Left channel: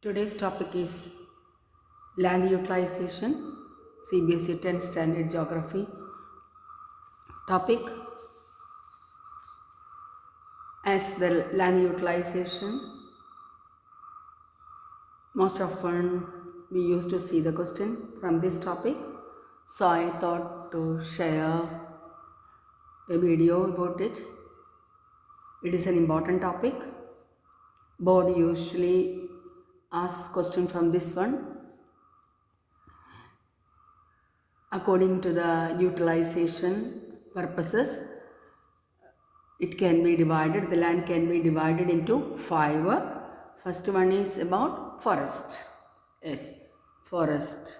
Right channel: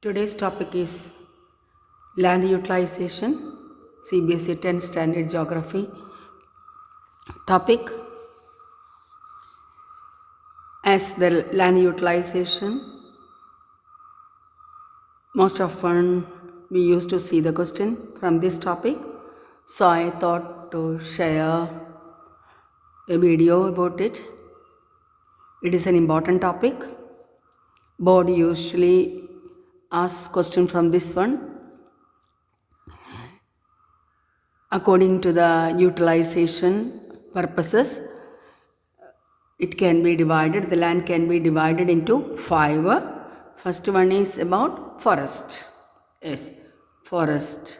Today's topic is land utilization, CBSE 10 Standard Geography. Topic: as the land utilization, most often we used to see the question from this topic. So I thought to share a video about it. It is an important topic. Board usually asks question from this one. According to the utilization purposes, it can be divided, the land can be divided into 5. First one is about forest. Yes, forest.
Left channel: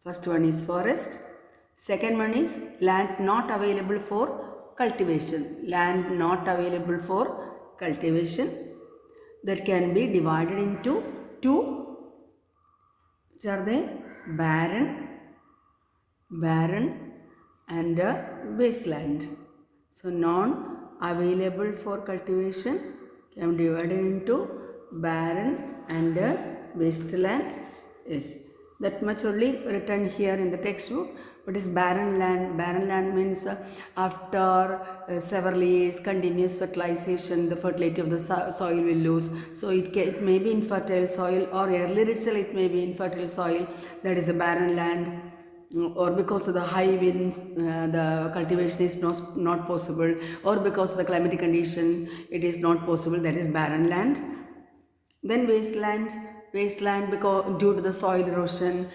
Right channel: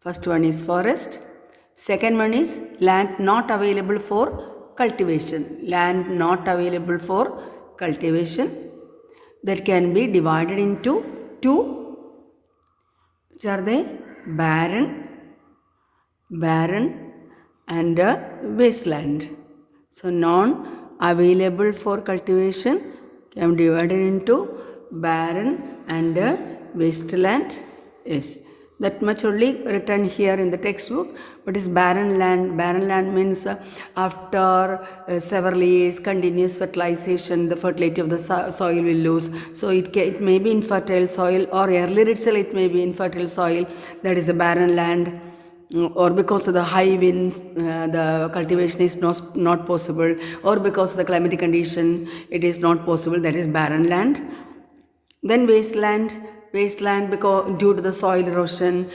First one is forest. Second one is land not available for cultivation. Land not available for cultivation. That can be divided into 2. Which are they? Barren and wasteland. So non-available for cultivation can be divided into barren and wasteland. Yes, that much only written here in the textbook. What is barren land? Barren land means after several years continuous fertilization, the fertility of the soil will lose. So it may be infertile soil, or earlier itself it may be infertile soil. That is a barren land. Or because of the high winds, the cultivation is not possible, or because of the climatic condition, it is not possible. That is barren land. Then wasteland because due to the soil erosion,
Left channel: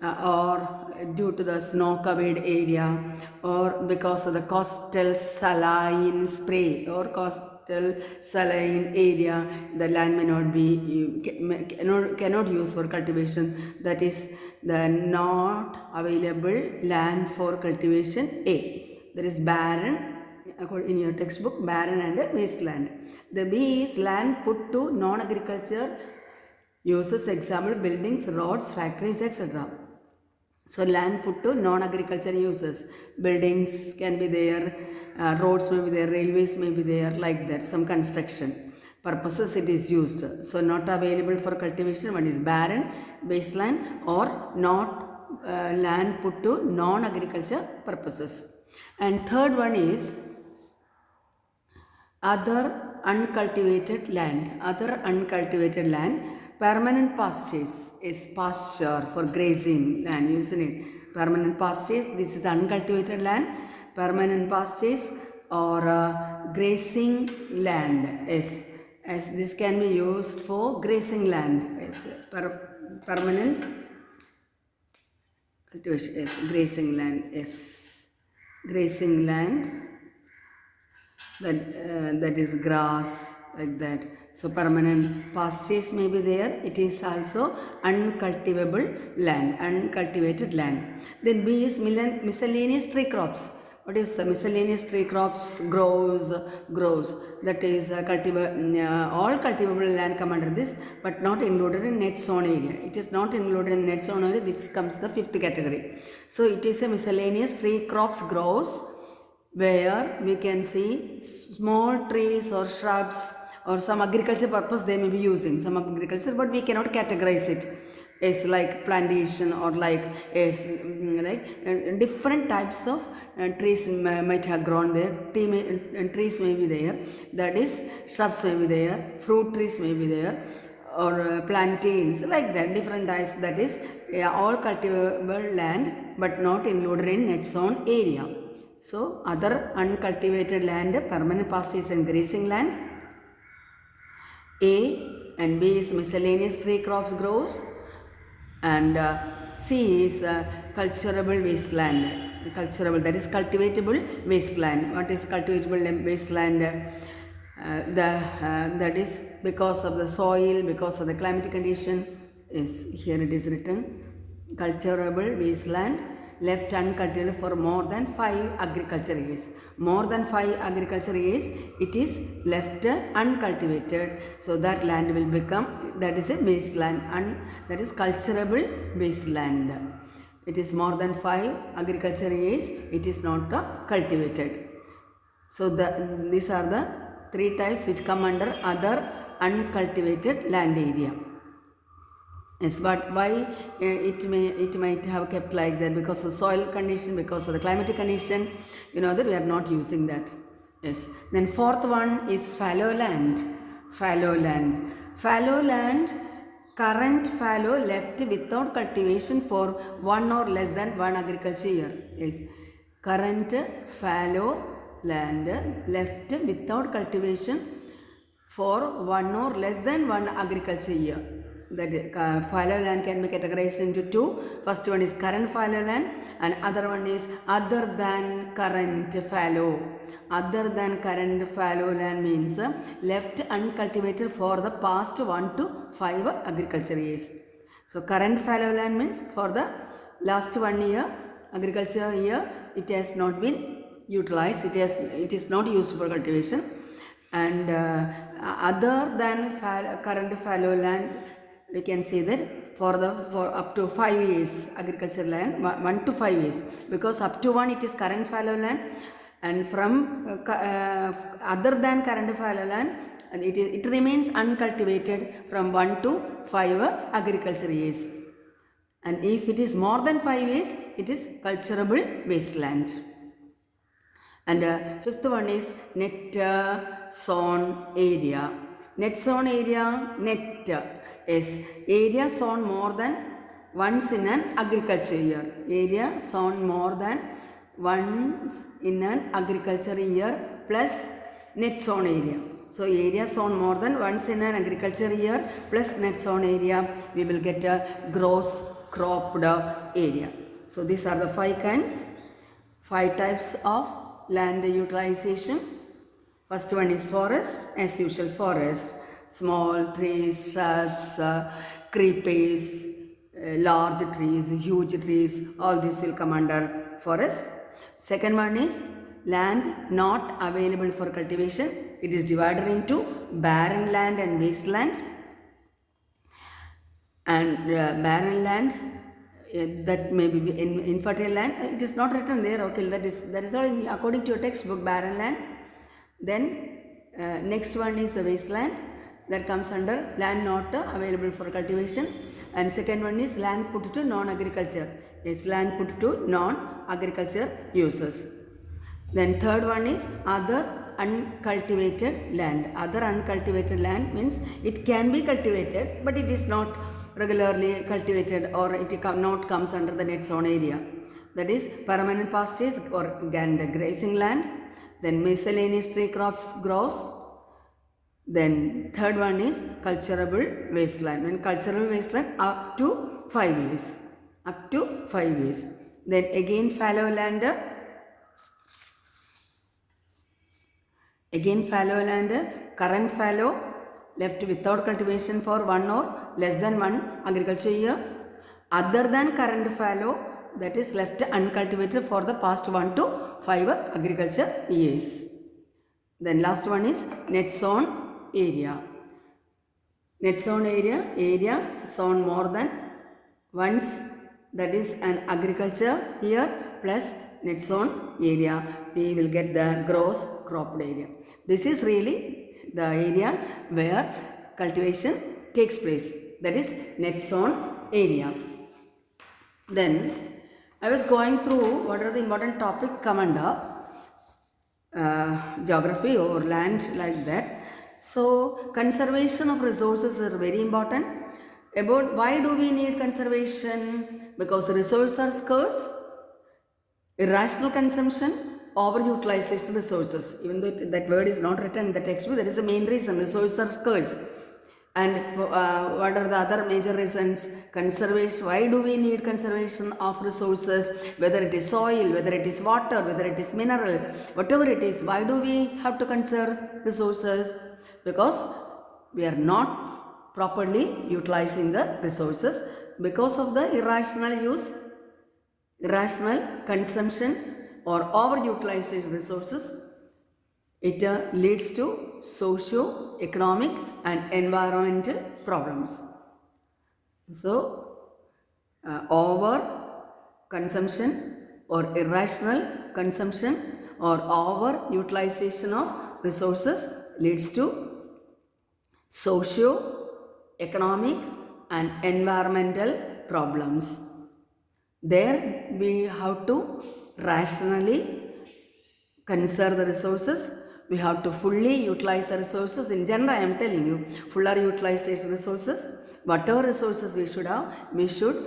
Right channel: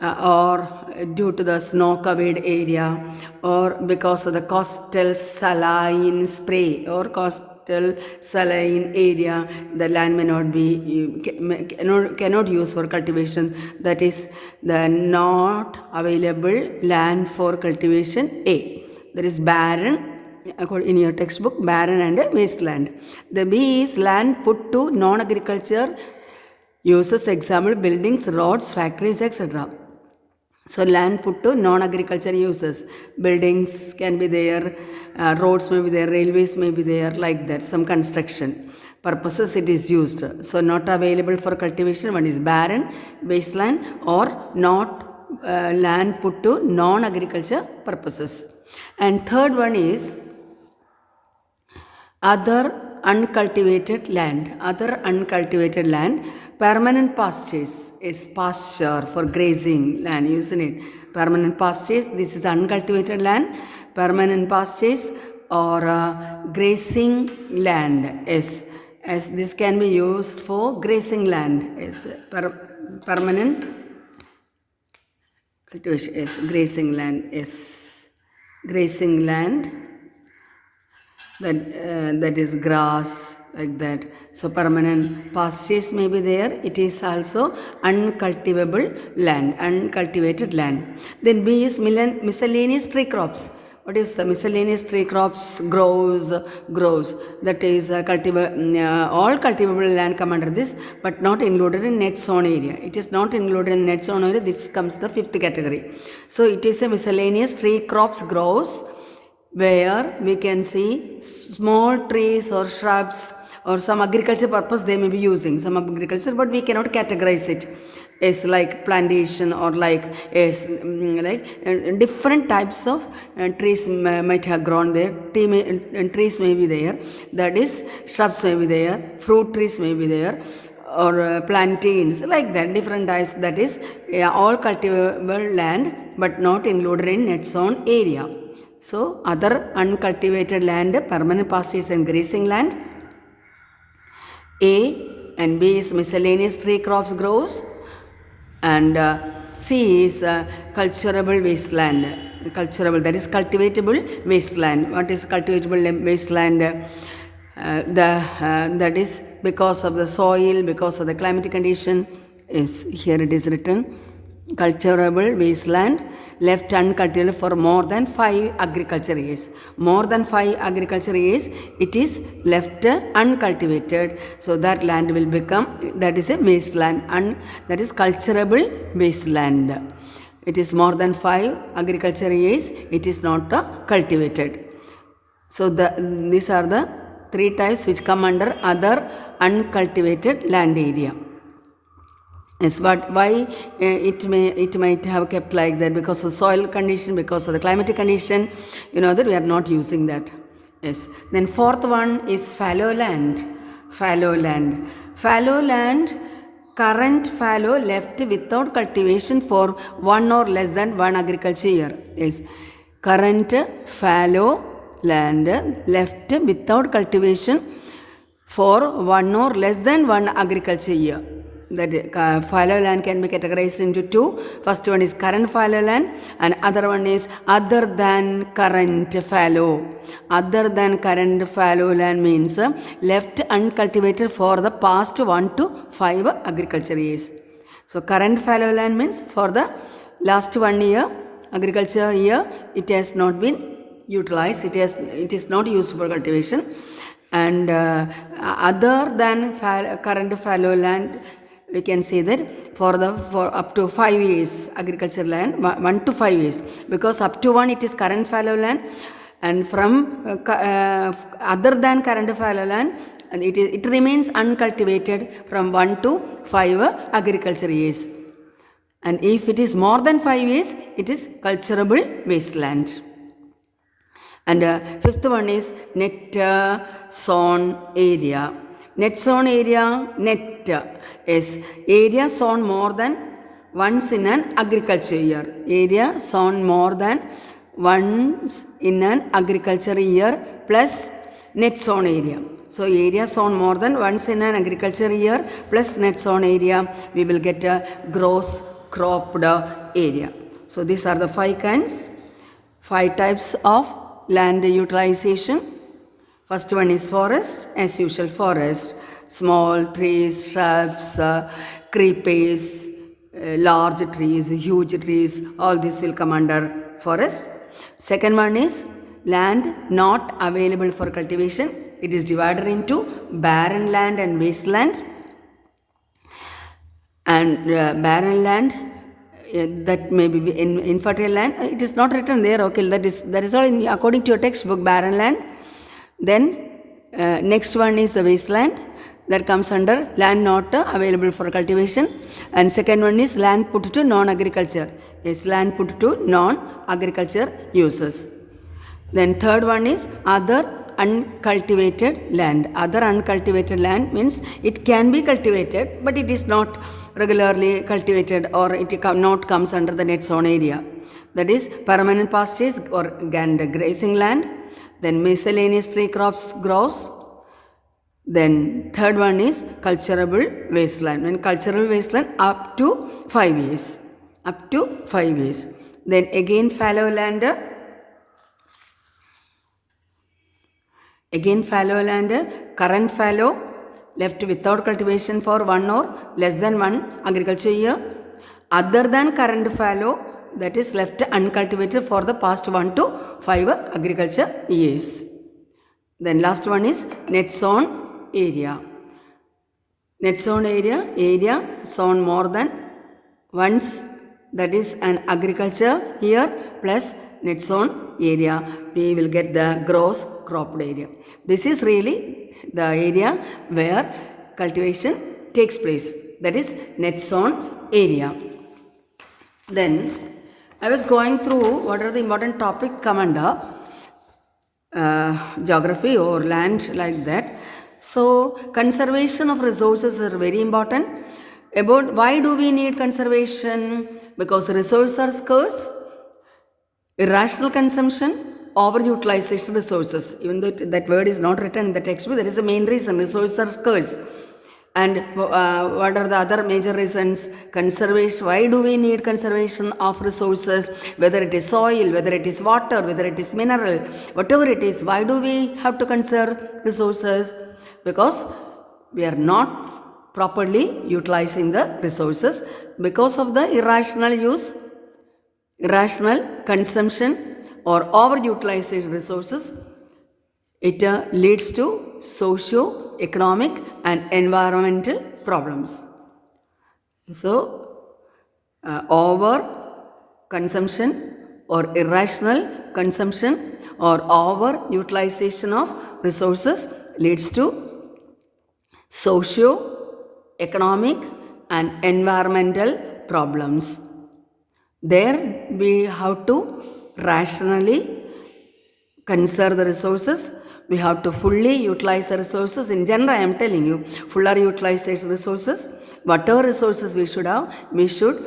or due to the snow covered area, or because of the coastal saline spray or coastal saline area, the land may not be cannot use for cultivation. That is the not available land for cultivation A. That is barren. In your textbook, barren and wasteland. The B is land put to non-agriculture uses, example buildings, roads, factories, etc. So land put to non-agriculture uses. Buildings can be there, roads may be there, railways may be there, like that, some construction purposes it is used. So not available for cultivation. One is barren, wasteland, or not land put to non-agriculture purposes. And third one is other uncultivated land. Permanent pastures is pasture for grazing land, isn't it? Permanent pastures, this is uncultivated land. Permanent pastures or grazing land is, as this can be used for grazing land, is permanent cultivation is grazing land, is grazing land. That is grass, like that. So permanent pastures may be there. It is also uncultivable land, uncultivated land. Then B is miscellaneous tree crops. What is the miscellaneous tree crops? Grows. That is all cultivable land come under this, but not included in net zone area. It is not included in net zone area. This comes the 5th category. So it is a miscellaneous tree crops grows, where we can see small trees or shrubs or some agriculture purpose they may be using, some agriculture, but we cannot categorize it as like plantation or like different types of trees might have grown there. Trees may be there, that is shrubs may be there, fruit trees may be there, or plantains, like that, different types. That is all cultivable land but not included in net zone area. So other uncultivated land, permanent pastures and grazing land. A and B is miscellaneous tree crops grows, and C is cultivable wasteland. Cultivable, that is cultivatable wasteland. What is cultivatable wasteland? That is because of the soil, because of the climatic condition. Is here it is written. Cultivable wasteland left uncultivated for more than 5 agriculture years. More than 5 agriculture years, it is left uncultivated. So that land will become, that is a wasteland, that is cultivable wasteland. It is more than 5 agriculture years, it is not cultivated. So these are the 3 types which come under other uncultivated land area. Yes, but why it might have kept like that? Because of the soil condition, because of the climatic condition, that we are not using that. Yes. Then fourth one is fallow land. Fallow land. Fallow land, current fallow left without cultivation for one or less than one agriculture year. Yes. Current fallow land left without cultivation for one or less than one agriculture year. That fallow land can be categorized into two. First one is current fallow land, and other one is other than current fallow. Other than current fallow land means left uncultivated for the past 1 to 5 agriculture years. So current fallow land means for the last 1 year agriculture year it has not been utilized. It is not used for cultivation. And other than current fallow land, we can say that for up to 5 years agriculture land, 1 to 5 years, because up to 1 it is current fallow land, and from other than current fallow land, and it remains uncultivated from 1 to 5 agriculture years. And if it is more than 5 years, it is culturable wasteland. And fifth one is net sown area. Net sown area, net is area sown more than once in an agriculture year. Area sown more than once in an agriculture year plus net sown area. So area sown more than once in an agriculture year plus net sown area, we will get a gross cropped area. So these are the 5 types of land utilization. First one is forest, as usual forest. Small trees, shrubs, creepers, large trees, huge trees, all these will come under forest. Second one is land not available for cultivation. It is divided into barren land and wasteland. And barren land, that may be in infertile land, it is not written there. Okay, that is all according to your textbook, barren land. Then next one is the wasteland, that comes under land not available for cultivation. And second one is land put to non-agriculture. Yes, land put to non-agriculture uses. Then third one is other uncultivated land. Other uncultivated land means it can be cultivated, but it is not regularly cultivated, or it not comes under the net zone area. That is permanent pastures or grazing land. Then miscellaneous tree crops grows. Then third one is culturable wasteland. And cultural wasteland up to 5 years. Up to 5 years. Then again fallow land. Again fallow land, current fallow left without cultivation for one or less than one agriculture year. Other than current fallow, that is left uncultivated for the past 1 to 5 agriculture years. Then last one is net sown area. Net sown area sown more than once, that is an agriculture year plus net sown area, we will get the gross cropped area. This is really the area where cultivation takes place, that is net sown area. Then I was going through what are the important topics come under geography or land, like that. So conservation of resources are very important. About why do we need conservation? Because resources are scarce, irrational consumption, overutilization resources. Even though that word is not written in the textbook, that is the main reason. Resources are scarce. And what are the other major reasons? Conservation. Why do we need conservation of resources? Whether it is soil, whether it is water, whether it is mineral, whatever it is, why do we have to conserve resources? Because we are not properly utilizing the resources because of the irrational use, irrational consumption, or overutilization resources. It leads to socio-economic and environmental problems. So, over consumption or irrational consumption or over utilization of resources leads to socio-economic and environmental problems. There we have to rationally conserve the resources. We have to fully utilize the resources. In general, I am telling you, fuller utilization resources. Whatever resources we should have, we should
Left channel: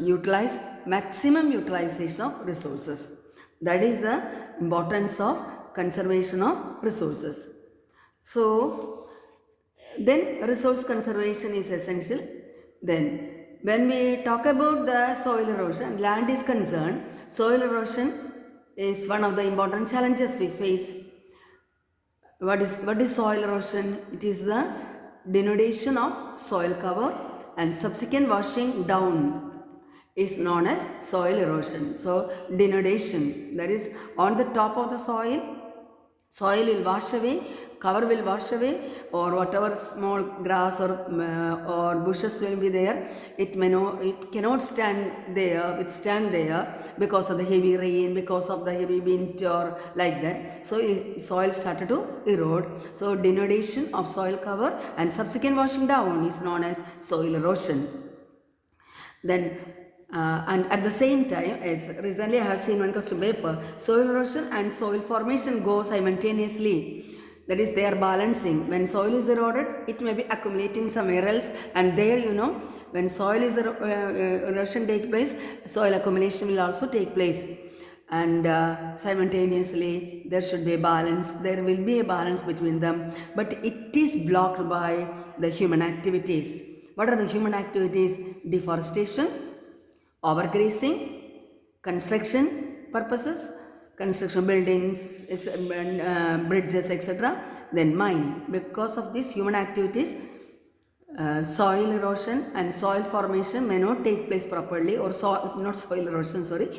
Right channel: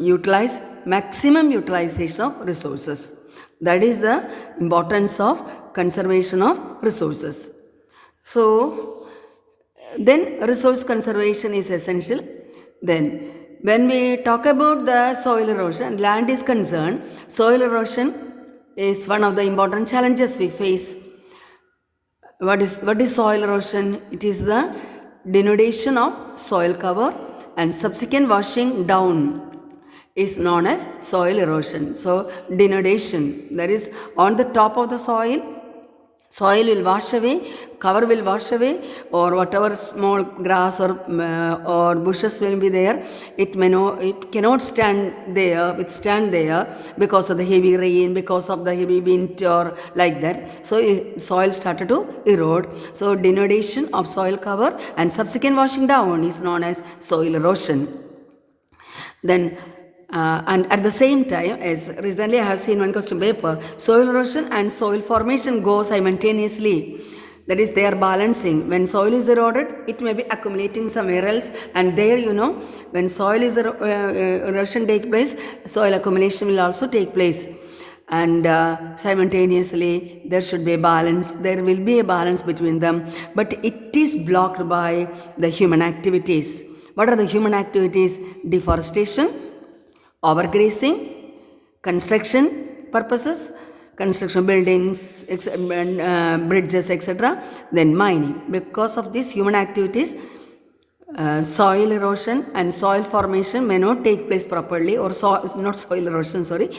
utilize maximum utilization of resources. That is the importance of conservation of resources. So, then resource conservation is essential. Then, when we talk about the soil erosion, land is concerned, soil erosion is one of the important challenges we face. What is soil erosion? It is the denudation of soil cover and subsequent washing down is known as soil erosion. So, denudation, that is on the top of the soil will wash away, cover will wash away, or whatever small grass or bushes will be there, it cannot withstand there because of the heavy rain, because of the heavy wind or like that. So soil started to erode. So denudation of soil cover and subsequent washing down is known as soil erosion. Then and at the same time, as recently I have seen one question paper, soil erosion and soil formation go simultaneously. That is, they are balancing. When soil is eroded, it may be accumulating somewhere else, and there, when soil is erosion take place, soil accumulation will also take place. And simultaneously, there should be a balance. There will be a balance between them, but it is blocked by the human activities. What are the human activities? Deforestation, overgrazing, construction purposes, construction buildings, bridges, etc. Then mining. Because of these human activities, soil erosion and soil formation may not take place properly, or not soil erosion, sorry.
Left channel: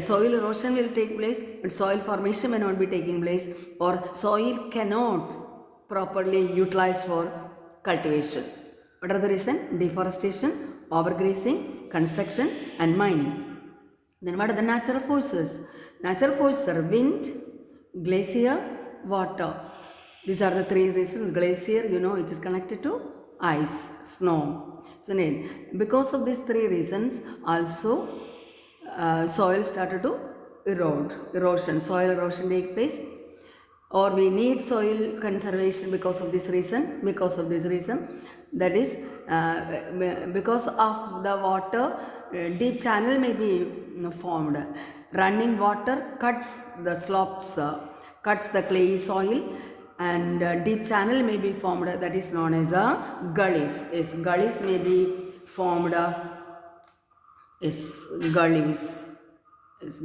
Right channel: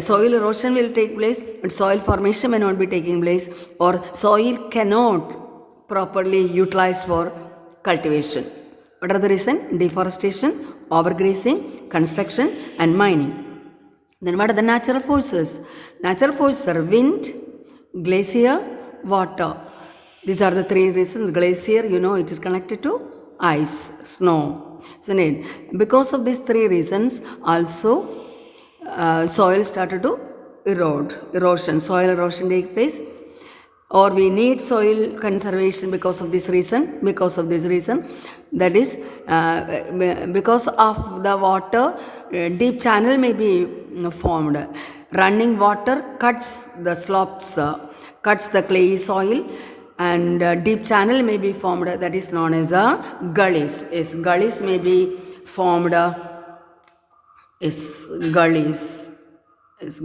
Soil erosion will take place, but soil formation may not be taking place, or soil cannot properly utilized for cultivation. What are the reasons? Deforestation, overgrazing, construction, and mining. Then what are the natural forces? Natural forces are wind, glacier, water. These are the three reasons. Glacier, it is connected to ice, snow, isn't it? Because of these three reasons, also soil started to erosion. Soil erosion take place, or we need soil conservation because of this reason. That is, because of the water, deep channel may be formed. Running water cuts the slopes, cuts the clayey soil, and deep channel may be formed. That is known as gullies. Yes, gullies may be formed.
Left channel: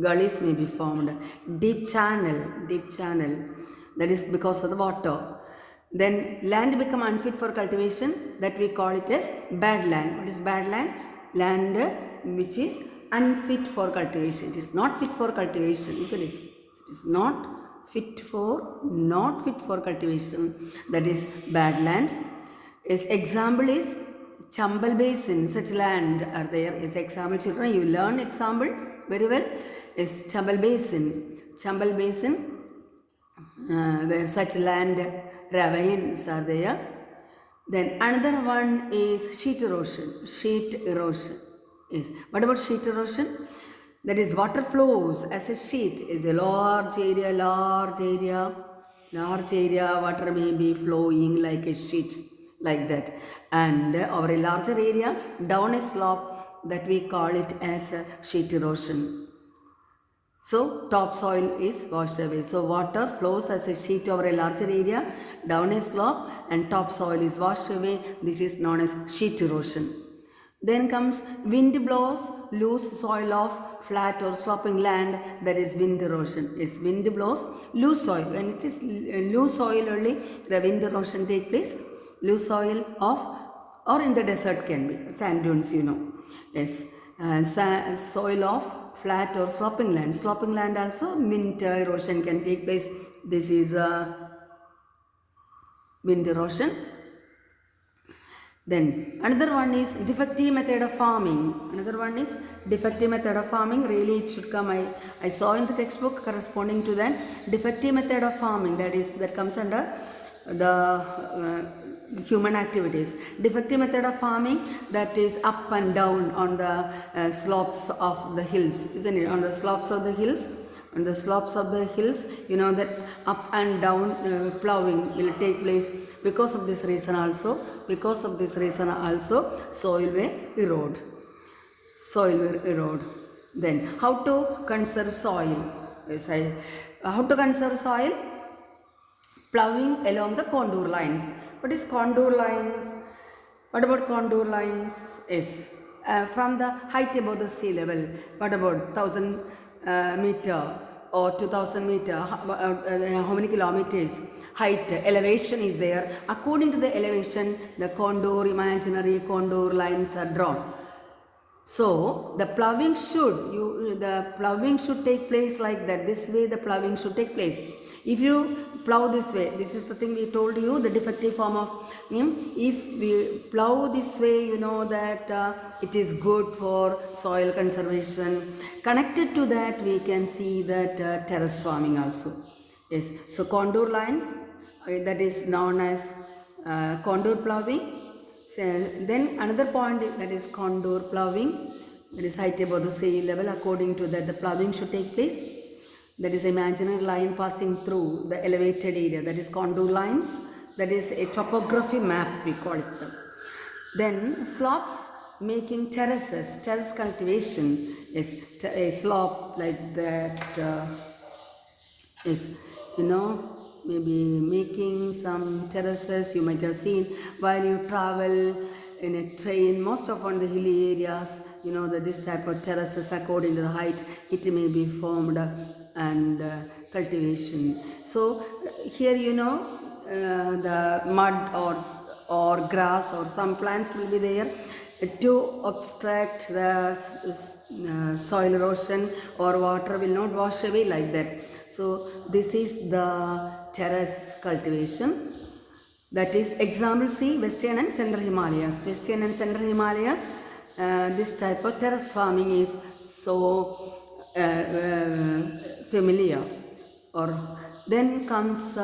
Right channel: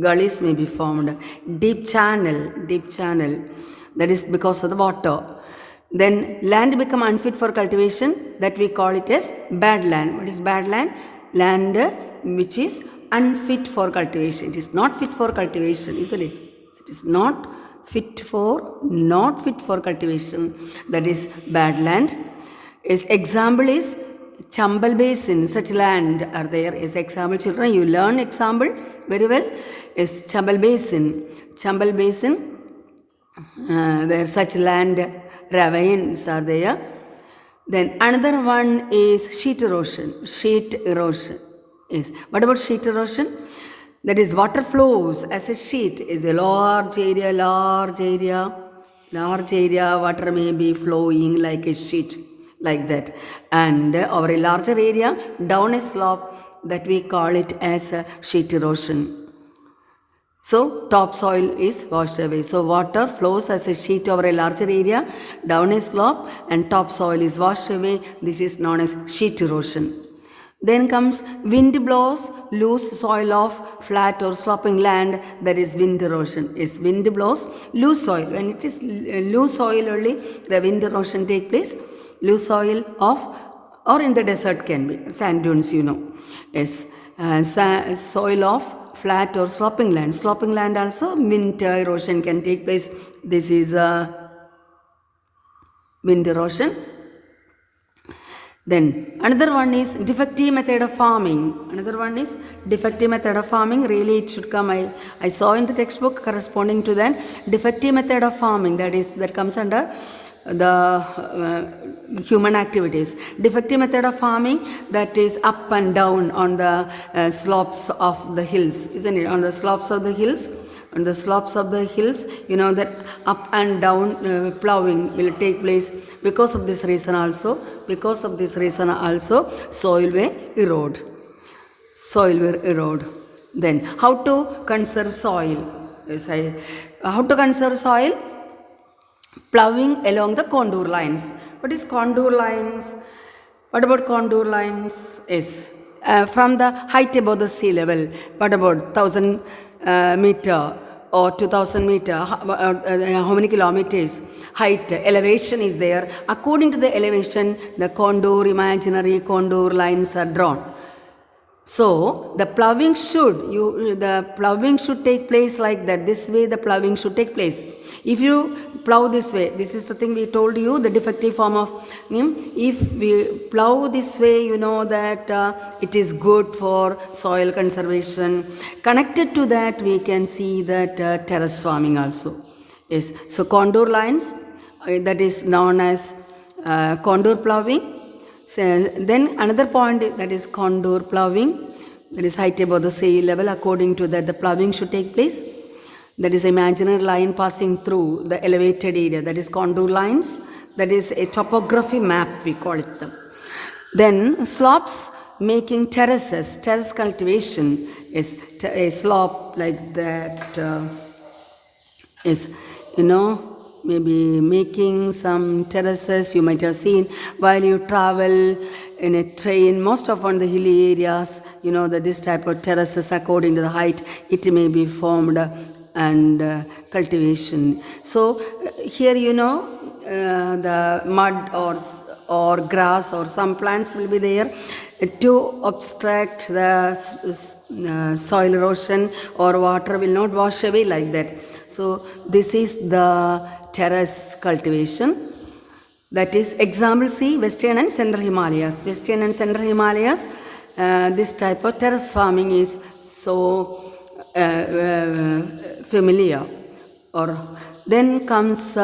Gullies may be formed. Deep channel. That is because of the water. Then land become unfit for cultivation. That we call it as bad land. What is bad land? Land which is unfit for cultivation. It is not fit for cultivation, isn't it? It is not fit for cultivation. That is bad land. Its example is Chambal Basin. Such land are there. As example, children, you learn example very well. Is Chambal Basin, where such land ravines are there. Then another one is sheet erosion. Yes. What about sheet erosion? That is, water flows as a sheet. Is a large area. Water may be flowing like a sheet, like that. And over a larger area, down a slope, that we call it as a sheet erosion. So topsoil is washed away. So water flows as a sheet over a larger area, down a slope, and topsoil is washed away. This is known as sheet erosion. Then comes wind blows loose soil of flat or sloping land. That is wind erosion. Yes, wind blows loose soil. When it is loose soil only, the wind erosion take place. Loose soil of, or in the desert can be sand dunes. Yes, soil of flat or sloping land. Sloping land also wind erosion can take place. This is wind erosion. Then another one is defective method of farming. Really it should come. I saw in the textbook corresponding to that defective method of farming. That comes under human activities. Defective method of farming, that is up and down on the slopes of the hills, isn't it? On the slopes of the hills, you know that up and down ploughing will take place. Because of this reason also, soil will erode. Then how to conserve soil? How to conserve soil? Ploughing along the contour lines. What is contour lines? What about contour lines? Yes, from the height above the sea level. What about 1000 meter or 2000 meter? How many kilometers? Height, elevation is there. According to the elevation, the imaginary contour lines are drawn. So the ploughing should take place like that. This way the ploughing should take place. If you plough this way, this is the thing we told you, the defective form of if we plough this way, you know that it is good for soil conservation. Connected to that, we can see that terrace farming also. Yes. So contour lines, that is known as contour ploughing. So then another point, that is contour ploughing, that is height above the sea level. According to that, the ploughing should take place. That is imaginary line passing through the elevated area, that is contour lines. That is a topography map, we call it them. Then slopes making terraces, terrace cultivation is a slope like that is, you know, maybe making some terraces. You might have seen while you travel in a train, most often the hilly areas, you know that this type of terraces, according to the height, it may be formed and cultivation. So here, you know, the mud or grass or some plants will be there to obstruct the soil erosion, or water will not wash away like that. So this is the terrace cultivation. That is example C, Western and Central Himalayas. Western and Central Himalayas, this type of terrace farming is so familiar. Or then comes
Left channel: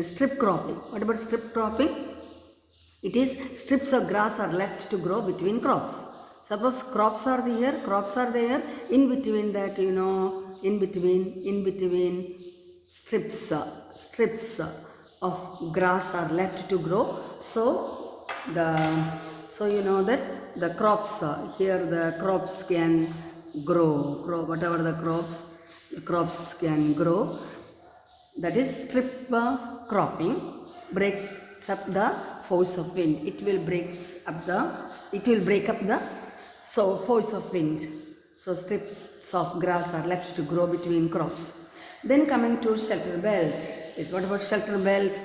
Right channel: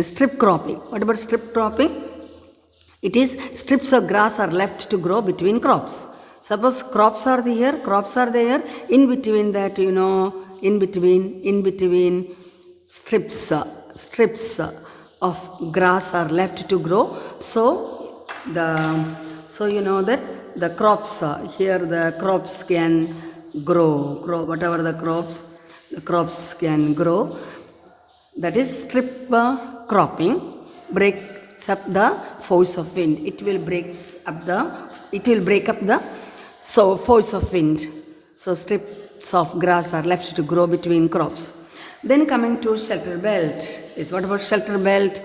strip cropping. What about strip cropping? It is strips of grass are left to grow between crops. Suppose crops are there, in between that, you know, in between strips of grass are left to grow. So you know that the crops here, the crops can grow, whatever the crops can grow. That is strip cropping. Breaks up the force of wind. It will break up the force of wind. So strips of grass are left to grow between crops. Then coming to shelter belt. Is what about shelter belt?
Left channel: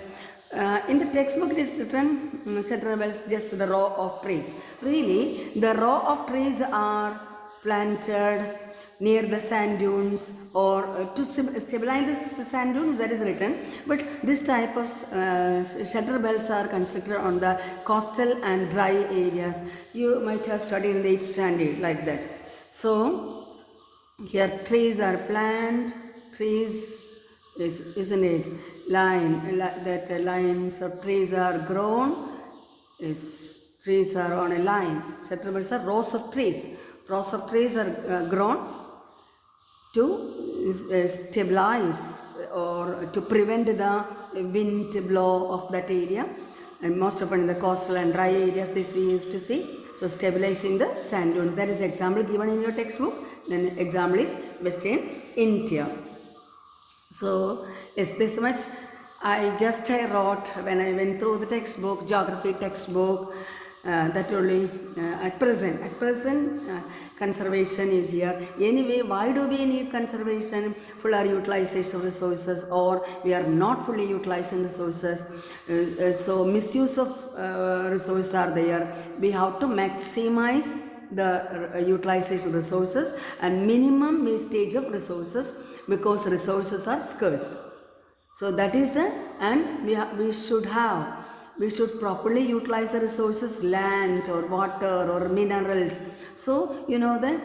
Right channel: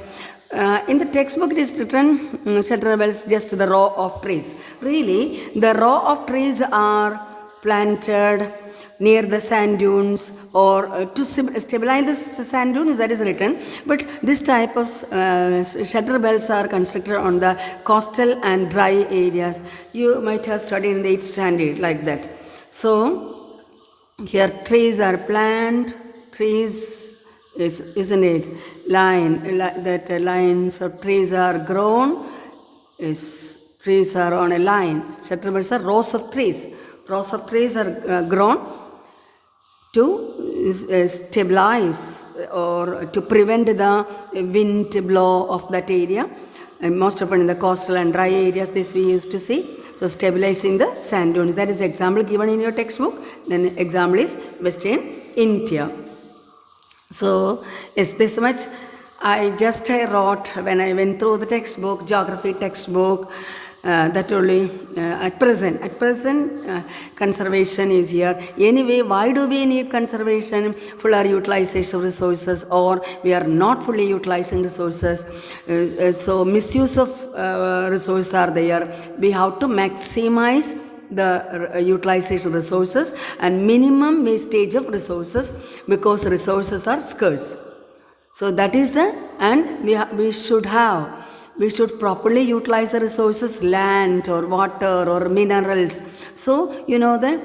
In the textbook it is written shelter belt is just the row of trees. Really, the row of trees are planted near the sand dunes, or to stabilize the sand dunes, that is written. But this type of shelter belts are constructed on the coastal and dry areas. You might have studied in the 8th standard like that. So here trees are planted, isn't it? Lines of trees are grown. Trees are on a line. Shelter belts are rows of trees. Rows of trees are grown to stabilize or to prevent the wind blow of that area. And most often in the coastal and dry areas, this we used to see. So stabilizing the sand dunes. That is example given in your textbook. Then example is Western India. So yes, this much I just wrote when I went through the textbook, geography textbook. That only at present conservation is here. Anyway, why do we need conservation? Fuller utilization of resources, or we are not fully utilizing resources. So misuse of resources are there. We have to maximize the utilization of resources and minimum wastage of resources, because resources are scarce. So that is we should properly utilize the resources, land or water or minerals. So, you know that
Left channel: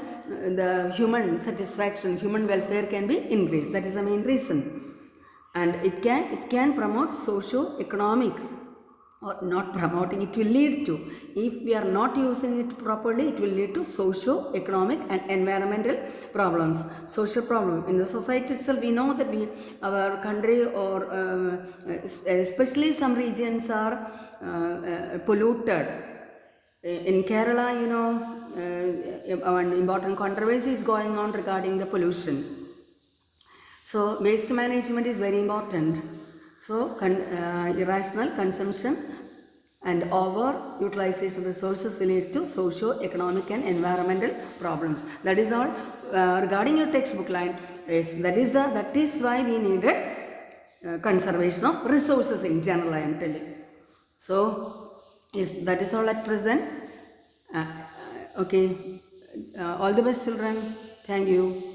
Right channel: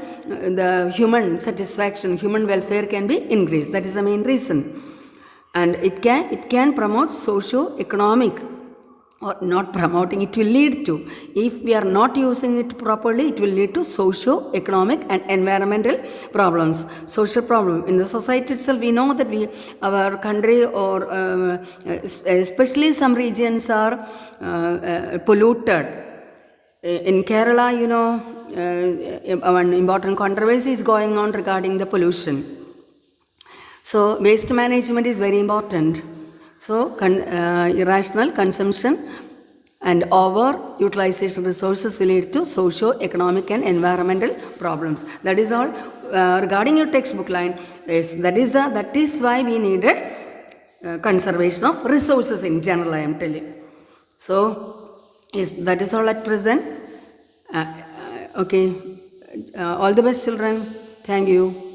the human satisfaction, human welfare can be increased. That is the main reason. and it can promote socio-economic, or not promoting, it will lead to, if we are not using it properly, it will lead to socio-economic and environmental problems, social problem in the society itself. We know that our country, or especially some regions are polluted. In Kerala, one important controversy is going on regarding the pollution. So waste management is very important. So irrational consumption and over utilization resources will lead to socio-economic and environmental problems. That is all regarding your textbook line. Yes, that is why we needed conservation of resources in general, I am telling. So yes, that is all at present. Okay. All the best, children. Thank you.